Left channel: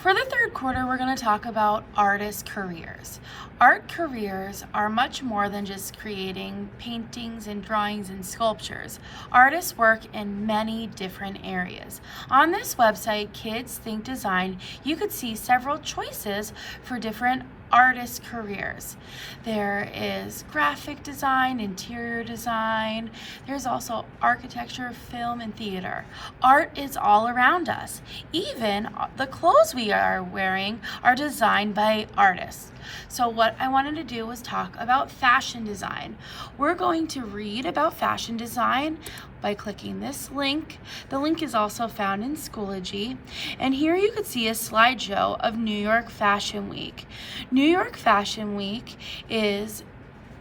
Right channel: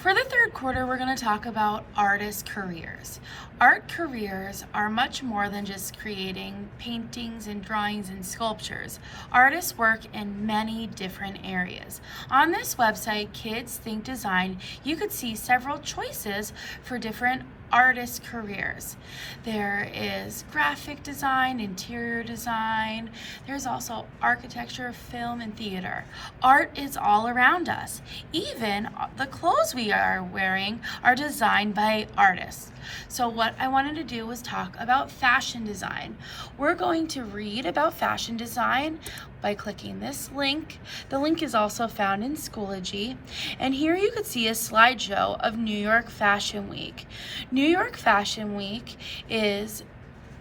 For the third quarter, we're going to talk about artist careers. Art careers are much more than just creating paintings and drawings and sculptures. Artists work in many different areas. On this website, Kids Think Design, you could see several choices for different artist careers. There is graphic design, interior design. There's also architecture, film, and theater. Art is all around us. Even the clothes we are wearing are designed by artists. So what I wanted to do was talk about fashion design. We're going to read about fashion design by clicking this link. The link is also found in Schoology. And here you could see a slideshow of New York Fashion Week. New York Fashion Week is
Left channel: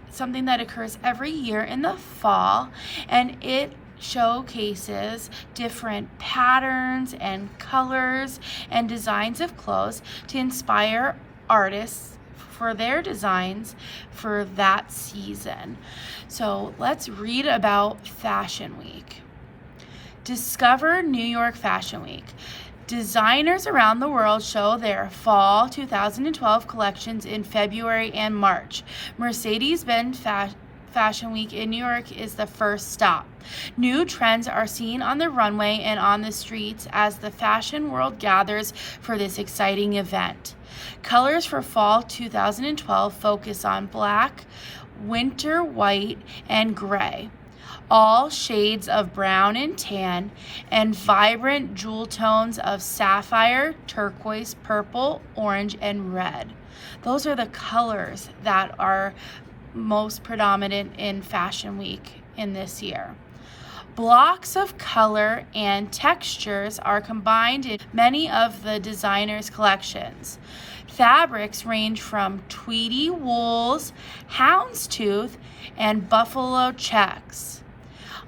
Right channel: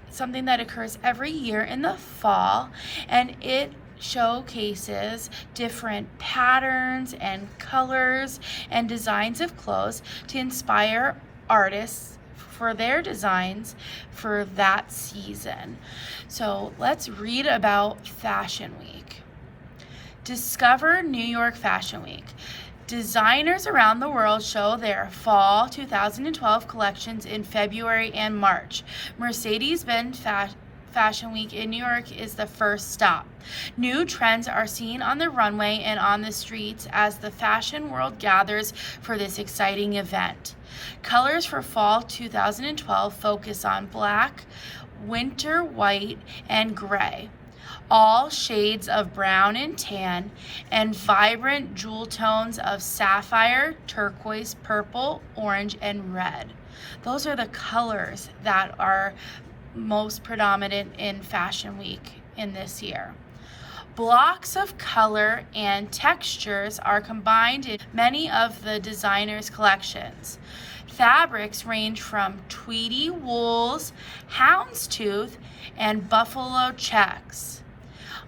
something that occurs every year in the fall, and it showcases different patterns and colors and designs of clothes to inspire artists for their designs for that season. So let's read about Fashion Week. Discover New York Fashion Week. Designers around the world show their fall 2012 collections in February and March. Mercedes-Benz Fashion Week in New York is the first stop. New trends are seen on the runway and on the streets as the fashion world gathers for this exciting event. Colors for fall 2012 focus on black, winter white, and gray, all shades of brown and tan, and vibrant jewel tones of sapphire, turquoise, purple, orange, and red. Those are the colors that are most predominant in Fashion Week in this year. Blocks of color and textures are combined in many of the designers' collections. Fabrics range from tweedy wools, houndstooth, and buffalo checks.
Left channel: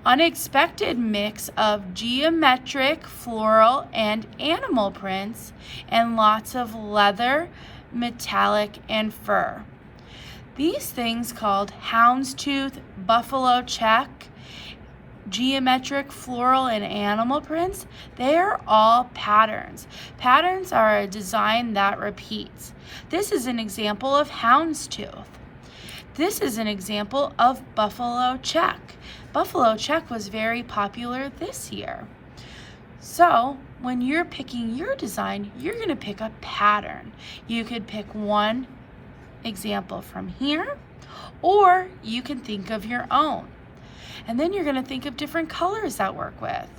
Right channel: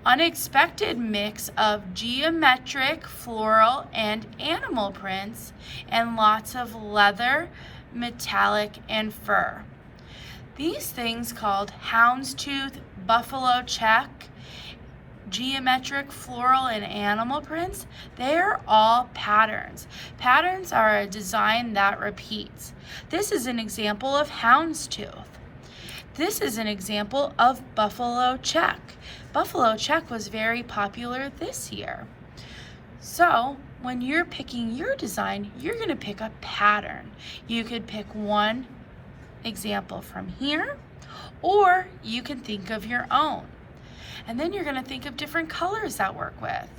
Unexpected mix of geometric, floral, and animal prints, and lots of leather, metallic, and fur. These things called houndstooth, buffalo check, geometric, floral, and animal prints, they are all patterns. Patterns are a design that repeats. This is an example of houndstooth. This is an example of buffalo check. Buffalo check was very popular this year. So when you're picking your design, you're going to pick a pattern. You could pick one example from here, or you can think of your own. And then you're going to think of different colors that work with.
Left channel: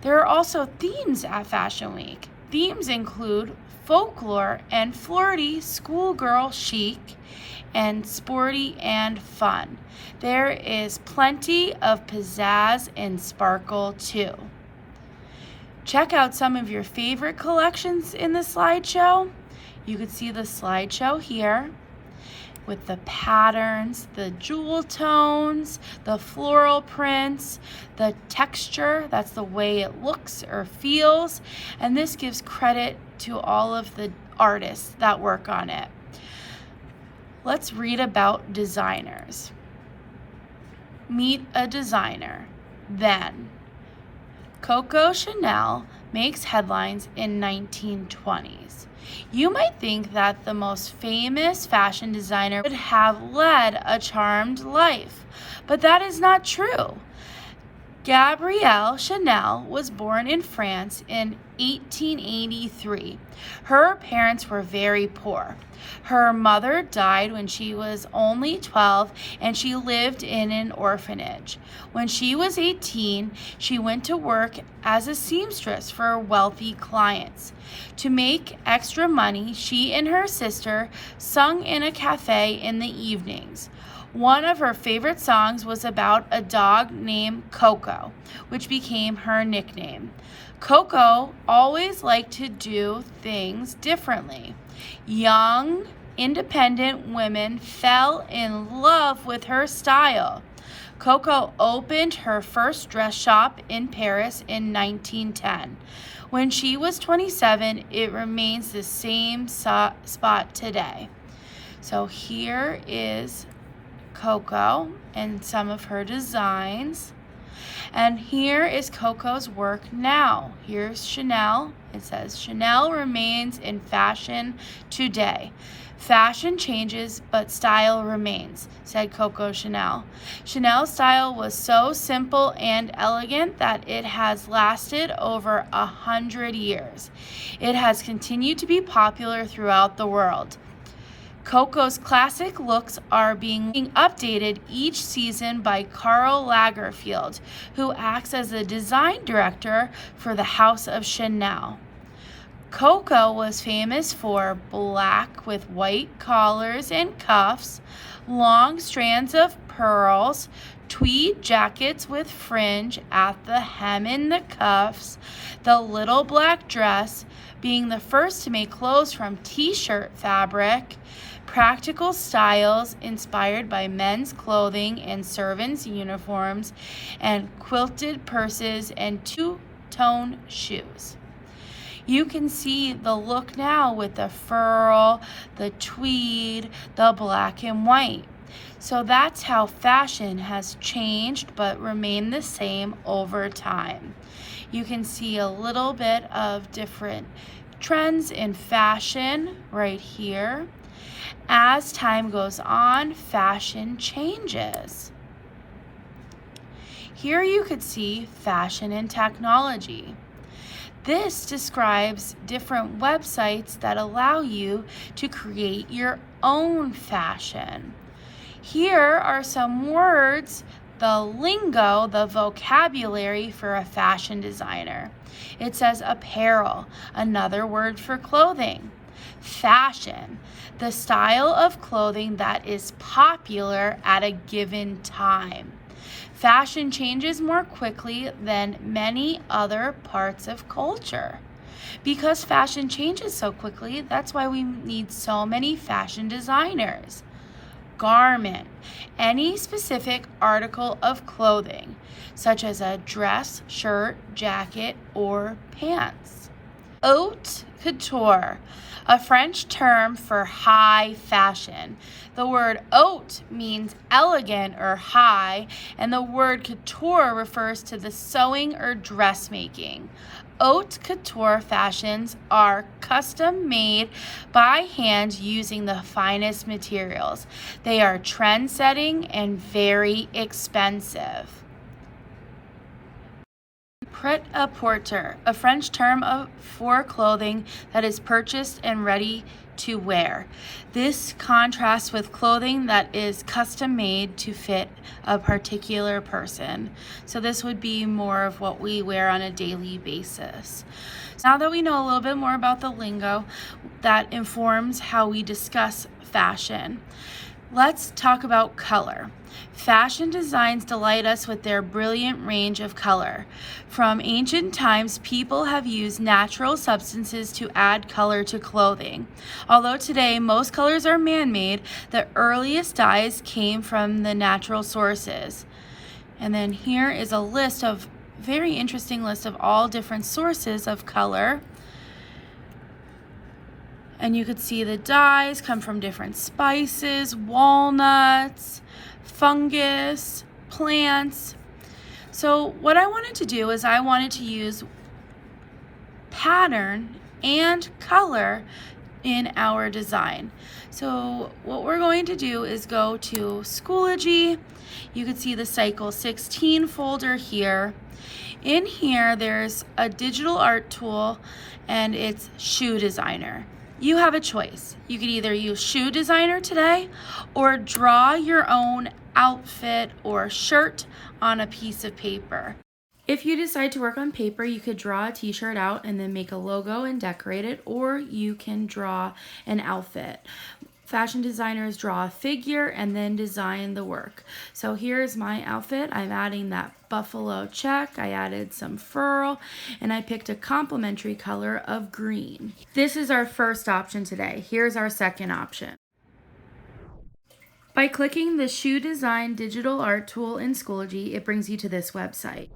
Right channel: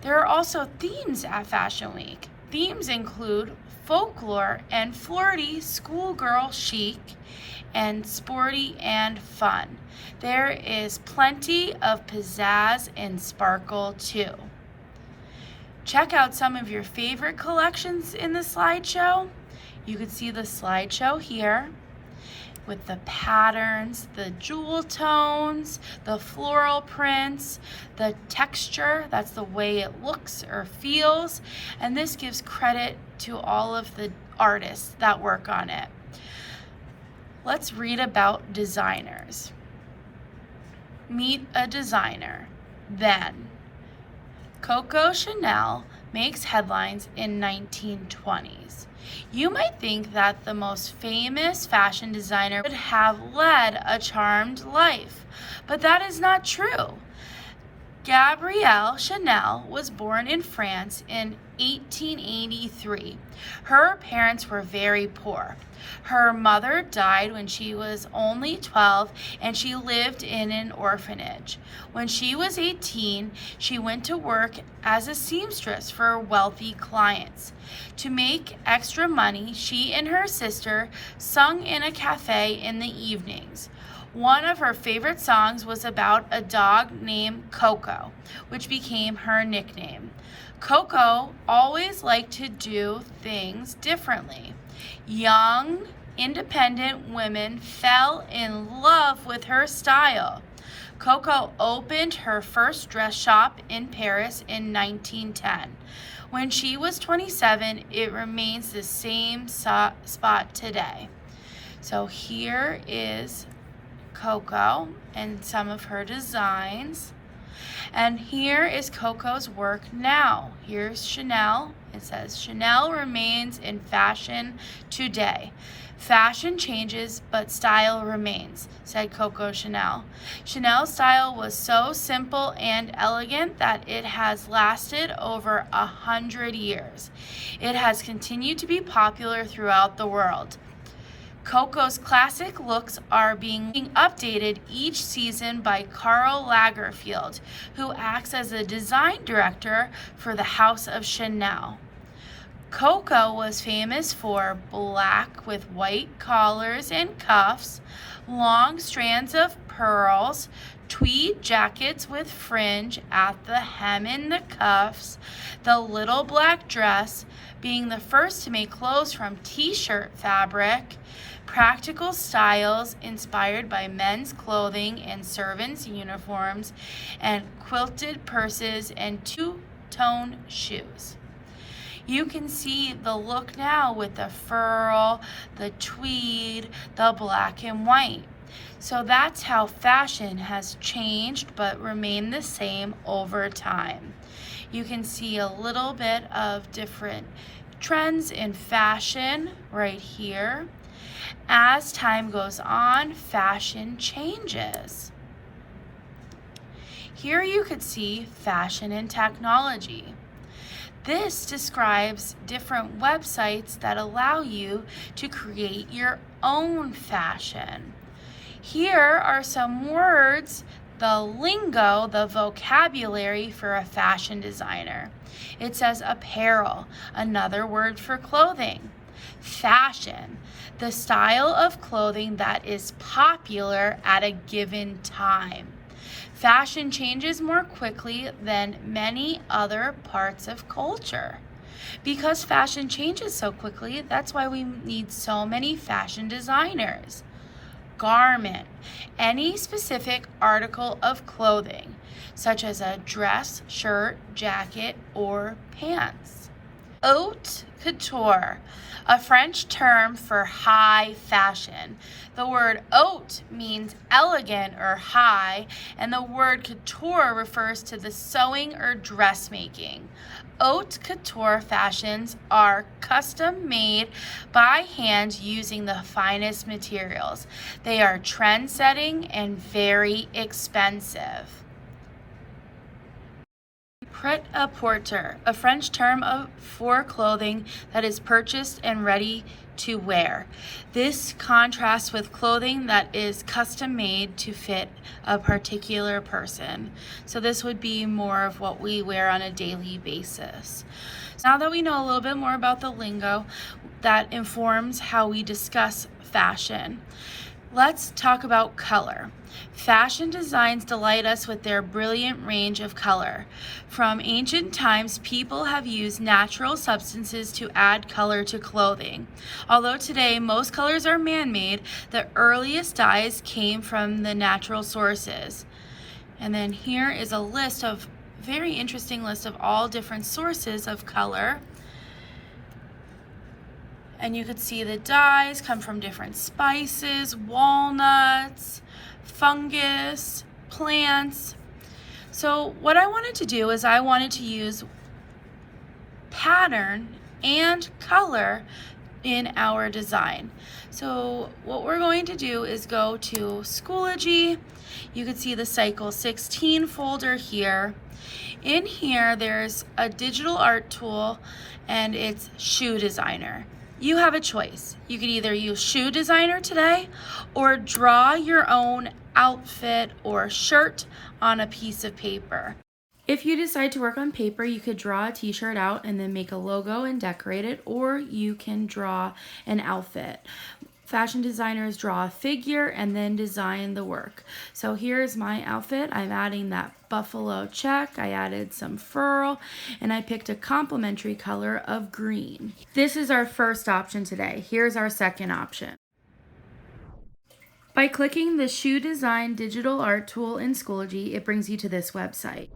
There are also themes at Fashion Week. Themes include folklore and flirty, schoolgirl chic, and sporty and fun. There is plenty of pizzazz and sparkle too. Check out some of your favorite collections in the slideshow. You can see the slideshow here with the patterns, the jewel tones, the floral prints, the texture, that's the way it looks or feels, and this gives credit to all of the artists that work on it. Let's read about designers. Meet a designer. Then, Coco Chanel makes headlines in 1920s. You might think that the most famous fashion designer would have led a charmed life, but that is not true. Gabrielle Chanel was born in France in 1883. Her parents were very poor. Her mother died when she was only 12, and she lived in an orphanage. When she was 18, she went to work as a seamstress for wealthy clients. To make extra money, she and her sister sung in a cafe in the evenings. One of her favorite songs was about a dog named Coco, which became her nickname. Coco always liked to do things differently. Young, independent women fell in love with her style. Coco opened her first dress shop in Paris in 1910. When she was 27, it remains the same spot today. So here is Coco and some of her designs. And here is Coco's work now. Here's Chanel. It says, Chanel remains in fashion today. Fashion changes, but style remains, said Coco Chanel. Chanel's style was so simple and elegant that it has lasted over 100 years. It has continued to be popular throughout the world. Coco's classic looks are being updated each season by Karl Lagerfeld, who acts as the design director for the House of Chanel. Coco was famous for black with white collars and cuffs, long strands of pearls, tweed jackets with fringe at the hem and the cuffs, the little black dress, being the first to make clothes from t-shirt fabric, practical styles inspired by men's clothing and servants' uniforms, and quilted purses and two-tone shoes. You can see the look now with the fur, the tweed, the black and white. So that's how fashion has changed but remained the same over time. You can see a little bit of different trends in fashion right here. As time goes on, fashion changes. Here you could see fashion and technology. This describes different websites that allow you to create your own fashion. Here are some words, the lingo, the vocabulary for a fashion designer. It says apparel, another word for clothing. Fashion, the style of clothing that is popular at a given time. Fashion changes more quickly than many other parts of culture. Because fashion changes so quickly, that's why we need so many fashion designers. Garment, any specific article of clothing, such as a dress, shirt, jacket, or pants. Haute couture, a French term for high fashion. The word haute means elegant or high, and the word couture refers to the sewing or dressmaking. Haute couture fashions are custom made by hand using the finest materials. They are trend-setting and very expensive. Pret-a-porter, a French term for clothing that is purchased and ready to wear. This contrasts with clothing that is custom made to fit a particular person. So this would be more of what we wear on a daily basis. Now that we know a little bit more about the lingo that informs how we discuss fashion, let's talk about color. Fashion designs delight us with their brilliant range of color. From ancient times, people have used natural substances to add color to clothing. Although today most colors are man-made, the earliest dyes came from the natural sources. And then here is a list of very interesting list of all different sources of color. And you could see the dyes come from different spices, walnuts, fungus, plants. So what I wanted to do is I wanted to use pattern and color in our design. So what we're going to do is go to Schoology. You can see the Cycle 16 folder here. In here, there's a digital art tool and it's Shoe Designer. You have a choice. You could either use Shoe Designer today or draw your own outfit or shirt on a piece of paper. If you decide to work on paper, you could draw a t-shirt out and then make a logo and decorate it, or you can draw an outfit. Fashion designers draw a figure and then design the work. So here's my outfit. I'm adding that buffalo check. I added some fur and I picked a complementary color of green. This is our first option today. Here's our second option. By clicking the Shoe Design digital art tool in Schoology, it brings you to this website.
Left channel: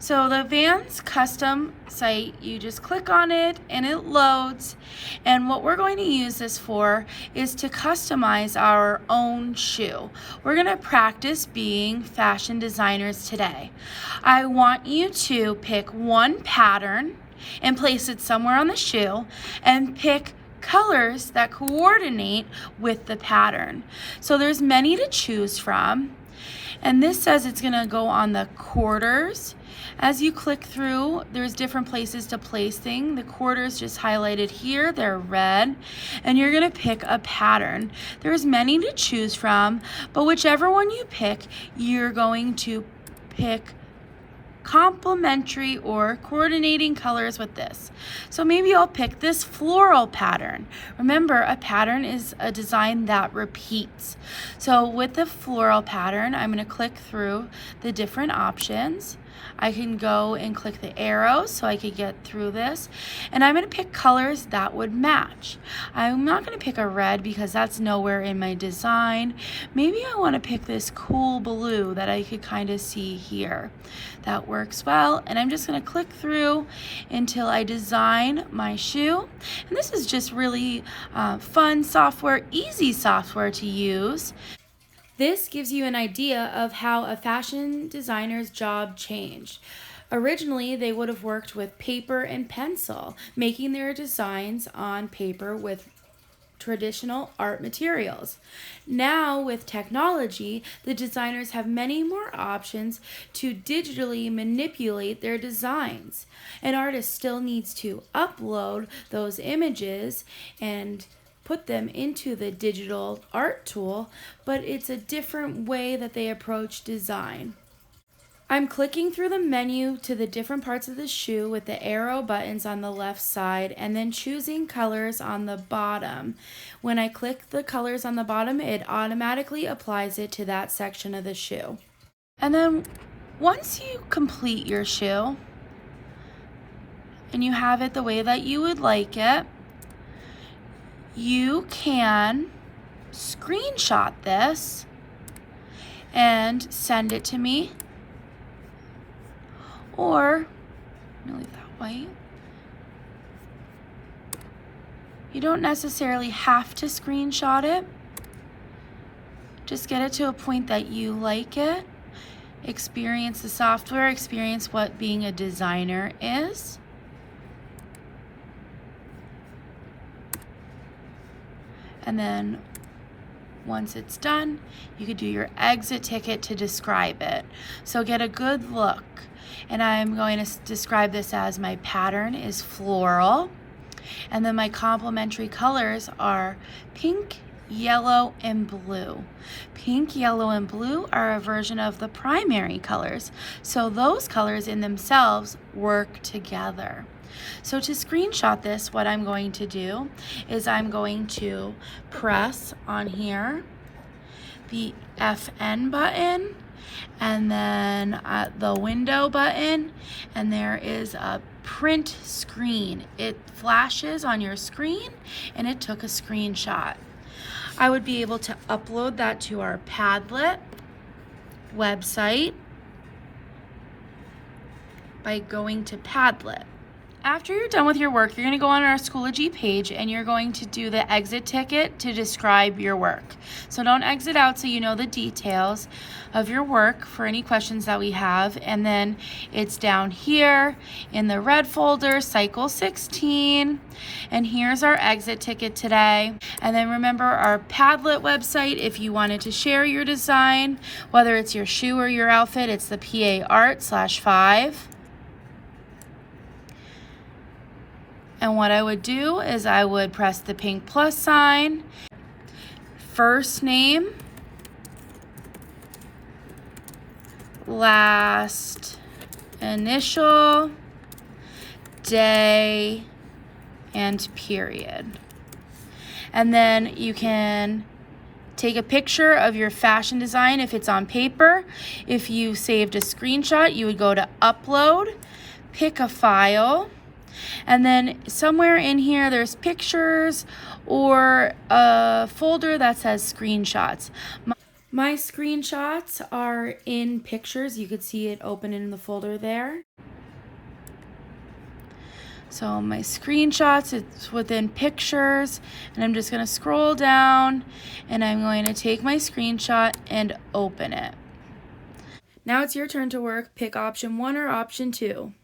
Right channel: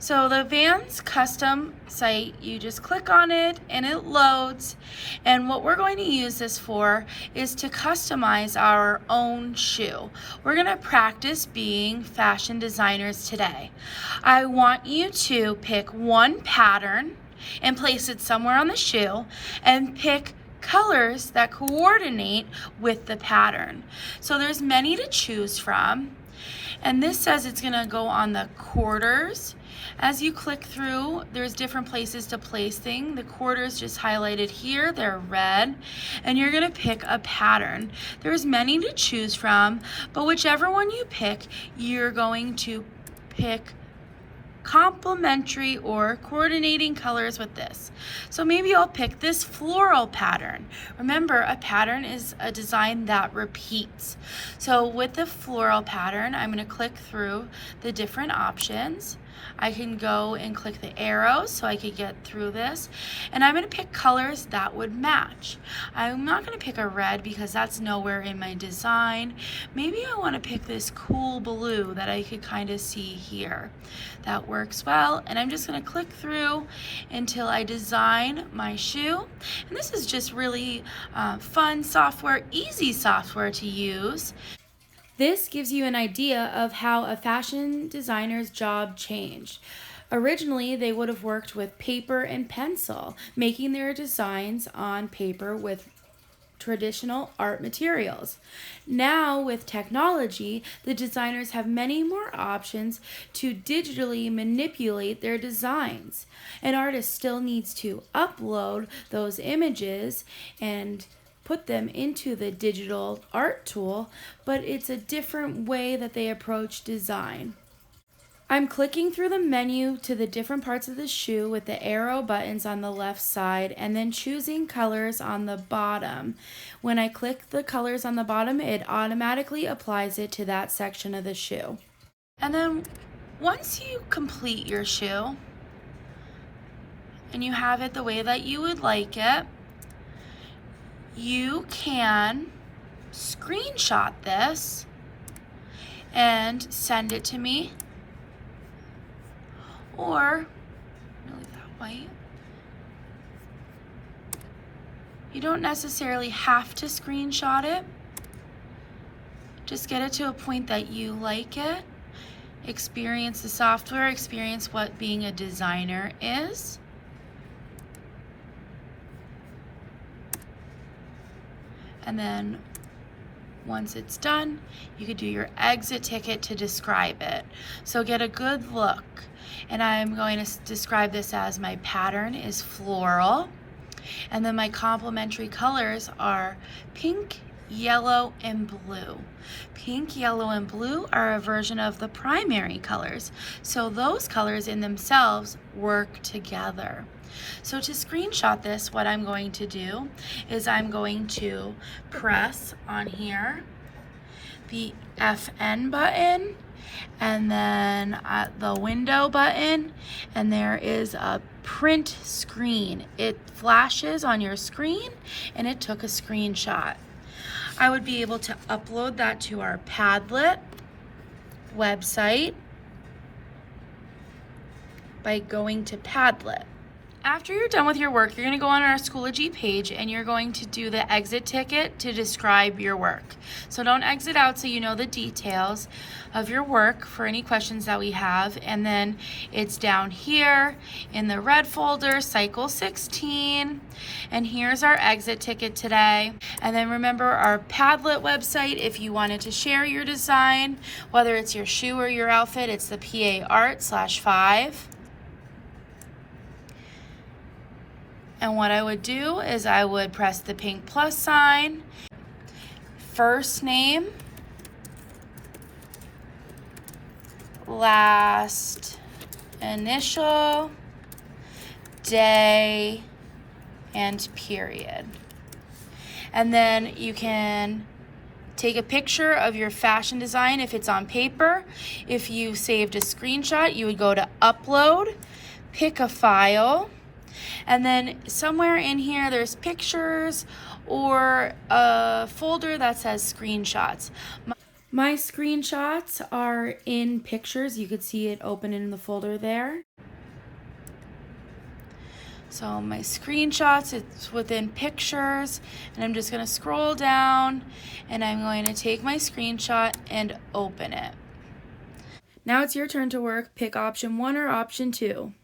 So the Vans custom site, you just click on it and it loads. And what we're going to use this for is to customize our own shoe. We're going to practice being fashion designers today. I want you to pick one pattern and place it somewhere on the shoe and pick colors that coordinate with the pattern. So there's many to choose from. And this says it's gonna go on the quarters. As you click through, there's different places to place things. The quarters just highlighted here, they're red, and you're gonna pick a pattern. There's many to choose from, but whichever one you pick, you're going to pick complementary or coordinating colors with this. So maybe I'll pick this floral pattern. Remember, a pattern is a design that repeats. So with the floral pattern, I'm going to click through the different options. I can go and click the arrows so I could get through this. And I'm going to pick colors that would match. I'm not going to pick a red because that's nowhere in my design. Maybe I want to pick this cool blue that I could kind of see here. That works well, and I'm just going to click through until I design my shoe. And this is just really fun software, easy software to use. This gives you an idea of how a fashion designer's job changed. Originally, they would have worked with paper and pencil, making their designs on paper with traditional art materials. Now, with technology, the designers have many more options to digitally manipulate their designs. An artist still needs to upload those images and put them into the digital art tool, but it's a different way that they approach design. I'm clicking through the menu to the different parts of the shoe with the arrow buttons on the left side and then choosing colors on the bottom. When I click the colors on the bottom, it automatically applies it to that section of the shoe. And then once you complete your shoe and you have it the way that you would like it, you can screenshot this and send it to me. Or, really that way. You don't necessarily have to screenshot it. Just get it to a point that you like it. Experience the software, experience what being a designer is. And then once it's done, you could do your exit ticket to describe it. So get a good look. And I'm going to describe this as my pattern is floral. And then my complementary colors are pink, yellow, and blue. Pink, yellow, and blue are a version of the primary colors. So those colors in themselves work together. So to screenshot this, what I'm going to do is I'm going to press on here the FN button, and then the window button, and there is a print screen. It flashes on your screen and it took a screenshot. I would be able to upload that to our Padlet website by going to Padlet. After you're done with your work, you're going to go on our Schoology page and you're going to do the exit ticket to describe your work. So don't exit out so you know the details of your work for any questions that we have. And then it's down here in the red folder, cycle 16. And here's our exit ticket today. And then remember our Padlet website, if you wanted to share your design, whether it's your shoe or your outfit, it's the PA-Art/5. And what I would do is I would press the pink plus sign, first name, last initial, day, and period. And then you can take a picture of your fashion design if it's on paper. If you saved a screenshot, you would go to upload, pick a file, and then somewhere in here there's pictures or a folder that says screenshots. My screenshots are in pictures. You could see it open in the folder there. So my screenshots, it's within pictures, and I'm just going to scroll down and I'm going to take my screenshot and open it. Now it's your turn to work. Pick option 1 or option 2.